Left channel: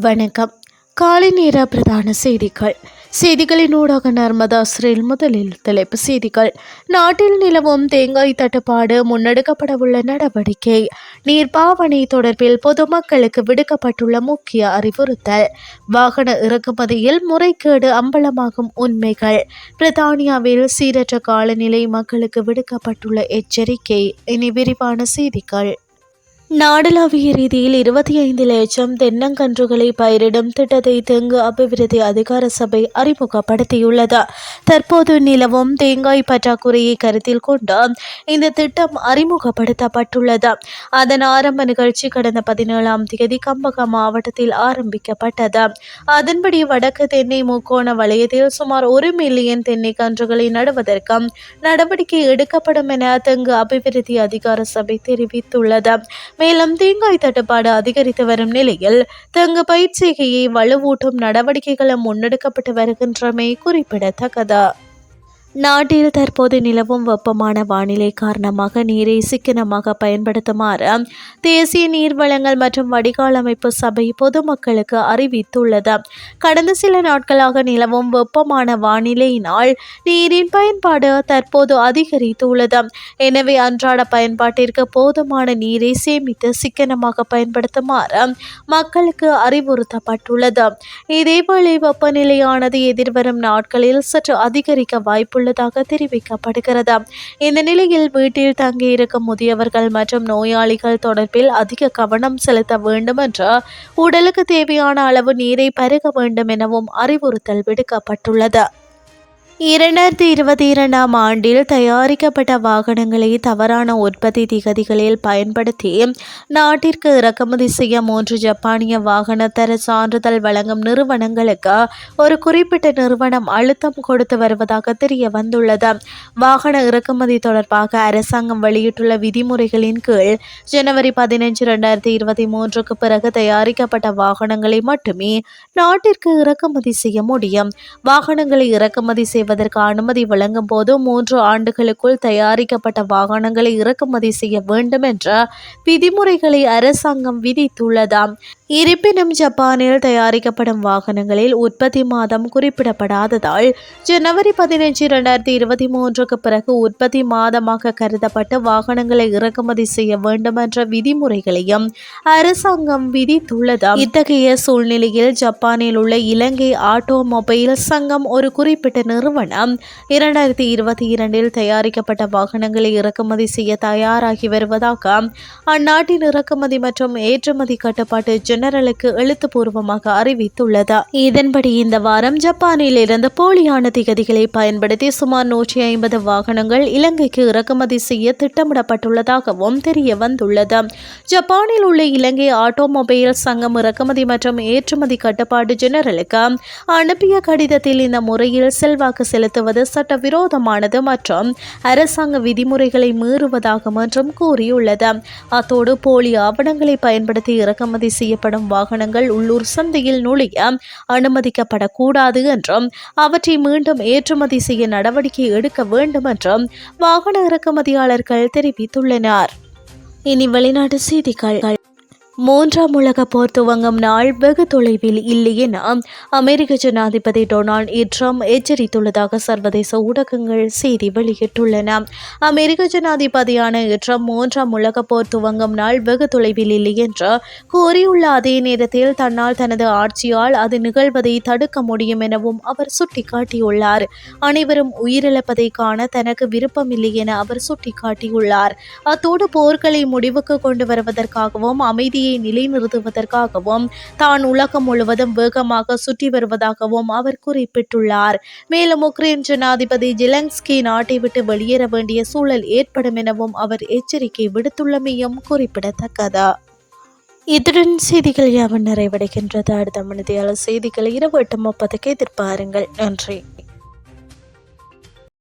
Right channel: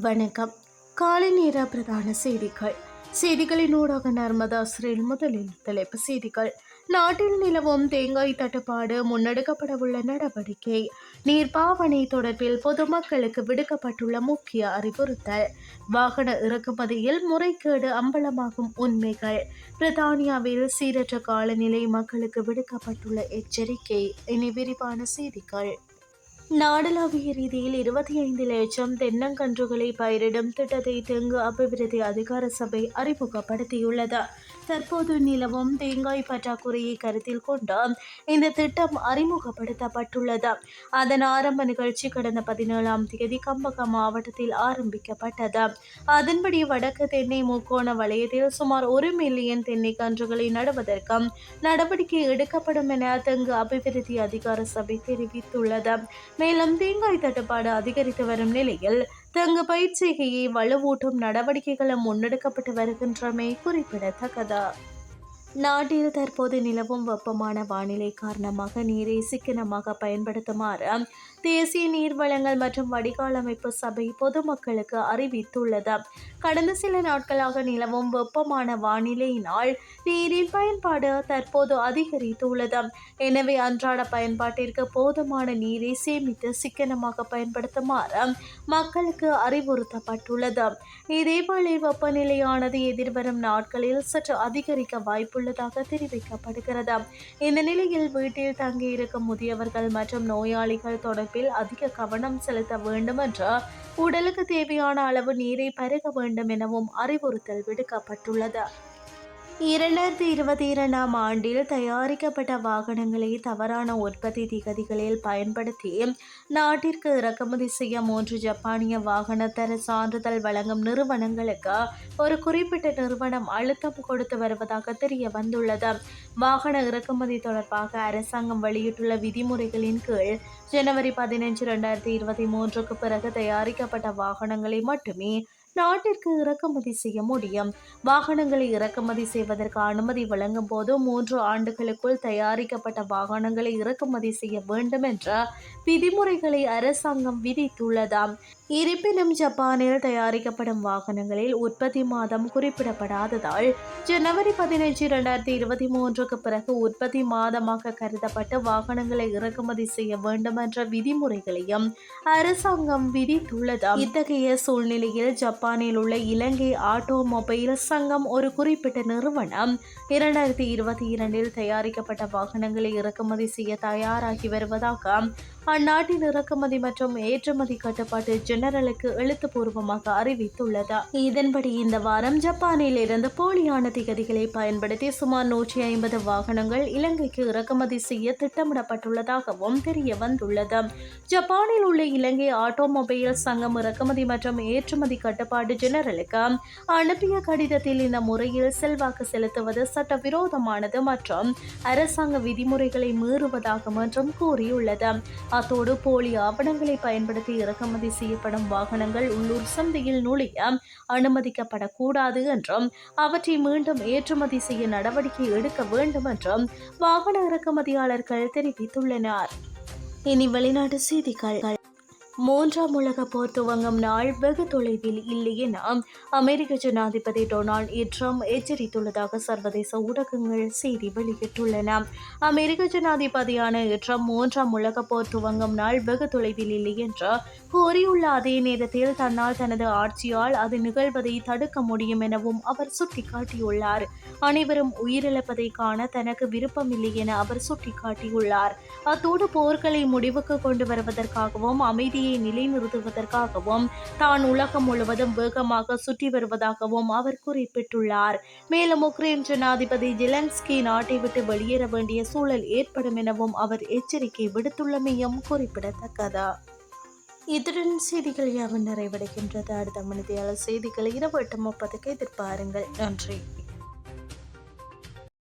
வணக்கம். காலை நேர பிரதான செய்திகள். செய்திகளின் ஊடாக நர்மதா ஸ்ரீல் முதலில் தலைப்பு செய்திகள். நாட்டில் நிலவும் தேங்காய் தட்டுப்பாடு முன்னெடுக்கப்படவுள்ள நடவடிக்கை. நீர்ப்பாவனை தொடர்பில் பொதுமக்களுக்கு விடுக்கப்பட்டுள்ள முக்கிய அறிவுறுத்தல். வாகன இறக்குமதியில் முறைகேடு அம்பலமாகும் உண்மைகள். பிரித்தானியாவில் சீரற்ற காலநிலை மக்களுக்கு விடுக்கப்பட்டுள்ள எச்சரிக்கை. இனி விரிவான செய்திகள். நாடளாவிய ரீதியில் இருபத்தி ஐந்து லட்சம் தென்னங்கன்றுகளை பயிரிடும் திட்டத்தை தெங்கு அபிவிருத்தி அதிகார சபை அறிமுகப்படுத்தியுள்ளது. தற்போது நிலவும் தேங்காய் பற்றாக்குறையை கருத்தில் கொண்டு இந்த திட்டம் அறிமுகப்படுத்தப்பட்டுள்ளது. அதன் ஆரம்ப நிகழ்ச்சி கடந்த பதினேழாம் தேதி கம்பகம் மாவட்டத்தில் ஆரம்பிக்கப்பட்டது. அதன்படி வடக்கு தென்னை முக்கோண வலயத்தில் சுமார் ஒரு மில்லியன் தென்னை கன்றுகளை நடுவதற்கு நடவடிக்கை எடுக்கப்படும் என தெங்கு அபிவிருத்தி அதிகார சபை தெரிவித்துள்ளது. மேலும் தேங்காய் தட்டுப்பாடு அதிகரித்து வரும் நிலையில் தெங்கு பயிற்சிகையை வலுவூட்டும் நடவடிக்கைகளும் முன்னெடுக்கப்பட்டு வருகின்றமை குறிப்பிடத்தக்கது. நாட்டில் தற்போது நிலவும் வெப்பமான வானிலை காரணமாக நீரை சிக்கனமாக பயன்படுத்துமாறு தேசிய நீர் வளங்கள் மற்றும் வடிகால் அமைப்பு சபை பொதுமக்களுக்கு அறிவித்துள்ளது. கடந்த சில நாட்களாக நிலவும் வெப்பமான வானிலையினால் நீரின் பயன்பாடு தற்போது அதிகரித்துள்ளது. எனவே அன்றாட பயன்பாட்டிற்கு போதுமான நீரை சேமித்து சிக்கனமாக பயன்படுத்துமாறு மக்களுக்கு அறிவுறுத்தப்பட்டுள்ளது. இதேவேளை வெப்பநிலையானது எதிர்வரும் நாட்களில் சற்று அதிகரிக்க வாய்ப்பு உள்ளதாக தெரிவிக்கப்படுகிறது. இந்த நிலையில் வீட்டில் தங்கியிருக்கும் முதியவர்கள் மற்றும் நோயாளிகள் தொடர்பில் அதிக கவனம் செலுத்த வேண்டும் என்று உடலுக்கு தேவையான அளவு நீரை பருக வேண்டும் எனவும் அறிவுறுத்தல் விடுக்கப்பட்டுள்ளது. இரண்டாயிரத்தி இருபத்தி இரண்டாம் ஆண்டில் தயாரிக்கப்பட்ட வாகனங்களை தவறான உற்பத்தி திகதிகளில் பயன்படுத்தி நாட்டிற்கு இறக்குமதி செய்ய மூன்று ஜப்பானிய வாகனத்தர சான்றிதழ் வழங்கும் நிறுவனங்களுக்கு ஒரு குறிப்பிட்ட நிறுவனம் அழுத்தம் கொடுத்து வருவதாக தெரிய வந்துள்ளது வாகன இறக்குமதி தொடர்பாக அரசாங்கம் வெளியிட்டுள்ள விதிமுறைகளின் கீழ் ஜனவரி பதினைஞ்சு இரண்டாயிரத்தி இருபத்தி மூன்றுக்கு பிறகு தயாரிக்கப்பட்ட வாகனங்களை மட்டுமே நாட்டிற்கு இறக்குமதி செய்ய முடியும். வாகனங்களை இறக்குமதி செய்வதற்கு அனுமதி வழங்கும் போது மூன்று ஆண்டுகளுக்குள் தயாரிக்கப்பட்ட வாகனங்களை இறக்குமதி செய்ய வேண்டும் என்ற விதிமுறைகளை அரசாங்கம் விதித்துள்ளதாம். இருப்பினும் ஜப்பானில் தயாரிக்கப்படும் வாகனங்களில் உற்பத்தி மாதம் குறிப்பிடப்படாததால் ஜனவரி பதினைஞ்சு இரண்டாயிரத்தி இருபத்தி மூன்றுக்கு பிறகு உற்பத்தி மாதமாக கருதப்பட்டு வாகனங்களை இறக்குமதி செய்ய வேண்டும் என்ற விதிமுறைகளையும் அரசாங்கம் விதித்துள்ளதாம். இத்தகைய சூழ்நிலையில் ஜப்பானில் உள்ள இலங்கை ஆட்டோமொபைல் சங்கம் ஒரு குறிப்பிட்ட நிறுவனம் நிறுவனம் இரண்டாயிரத்தி இருபத்தி இரண்டில் தயாரிக்கப்பட்ட வாகனங்களை இறக்குமதி செய்ய தயாராகி வருவதாக அந்நாட்டின் இறக்குமதி மற்றும் ஏற்றுமதி கட்டுப்பாட்டு ஜெனரலுக்கு எழுத்துப்பூர்வமாக அறிவித்துள்ளது. இதன்படி இந்த வாரம் ஜப்பானில் இருந்து போலியான திகதிகளை பயன்படுத்தி சுமார் நூற்றி ஐம்பது வாகனங்கள் இலங்கைக்கு இறக்குமதி செய்ய திட்டமிடப்பட்டுள்ளதாகவும் தெரிய வந்துள்ளது. ஜப்பானில் உள்ள இலங்கை ஆட்டோமொபைல் சங்கம் இறக்குமதி மற்றும் ஏற்றுமதி கட்டுப்பாடு ஜெனரலுக்கு அனுப்பிய கடிதத்தில் இந்த முறையில் செல்வாக்கு செலுத்துவது சட்டவிரோதமானது மற்றும் அரசாங்க விதிமுறைகளை மீறுவதாக என்றும் கூறியுள்ளது. அத்தோடு போலி ஆவணங்களை பயன்படுத்தி இறக்குமதி செய்யப்படும் வாகனங்கள் உள்ளூர் சந்தையில் நுழைய அனுமதிக்கப்படக்கூடாது என்றும் அவற்றை மீண்டும் ஏற்றுமதி செய்ய நடவடிக்கை எடுக்க வேண்டும் என்றும் வாகன இறக்குமதியாளர்கள் தெரிவித்துள்ளனர். இனி வெளிநாட்டு செய்திகள். மூன்றாம் உலக போர் துவங்கும் நாள் வெகு தொலைவில் இல்லை என அமெரிக்க ஜனாதிபதி டொனால்ட் ட்ரம்ப் எச்சரித்துள்ளதாக சர்வதேச ஊடகங்கள் செய்தி வெளியிட்டுள்ளன. அமெரிக்க ஜனாதிபதியான ட்ரம்ப் மூன்றாம் உலக போர் துவங்கும் நாள் வெகு தொலைவில் இல்லை என்று கூறியுள்ள அதே நேரத்தில் தன்னால் தனது ஆட்சியால் அது நிகழ்வதை தடுக்க முடியும் எனவும் அவர் சுட்டிக்காட்டியுள்ளார். அனைவரும் உயிரிழப்பதை காண தனக்கு விருப்பமில்லை என அவர் சுட்டிக்காட்டியுள்ளார். அத்தோடு போர்களை முடிவுக்கு கொண்டு வருவதற்காகவும் அமைதியை நிலையை நிலைநிறுத்துவதற்காகவும் தான் உலகம் முழுவதும் வேகமாக சுற்றி வருவதாகவும் அவர் குறிப்பிட்டுள்ளார். மேலும் உக்ரைன் ஜனாதிபதி ஜிலங்ஸ்கி நாட்டை விட்டு வெளியேற வேண்டிய சூழல் ஏற்படும் எனவும் அவர் எச்சரிக்கை விடுத்துள்ளமையும் குறிப்பிடத்தக்கது. இத்துடன் செய்திகள் யாவும் நிறைவடைகின்றது. அடுத்த மனிதையாளர் செய்திகளை இரவு எட்டு முப்பதுக்கு எதிர்பாருங்கள். நன்றி.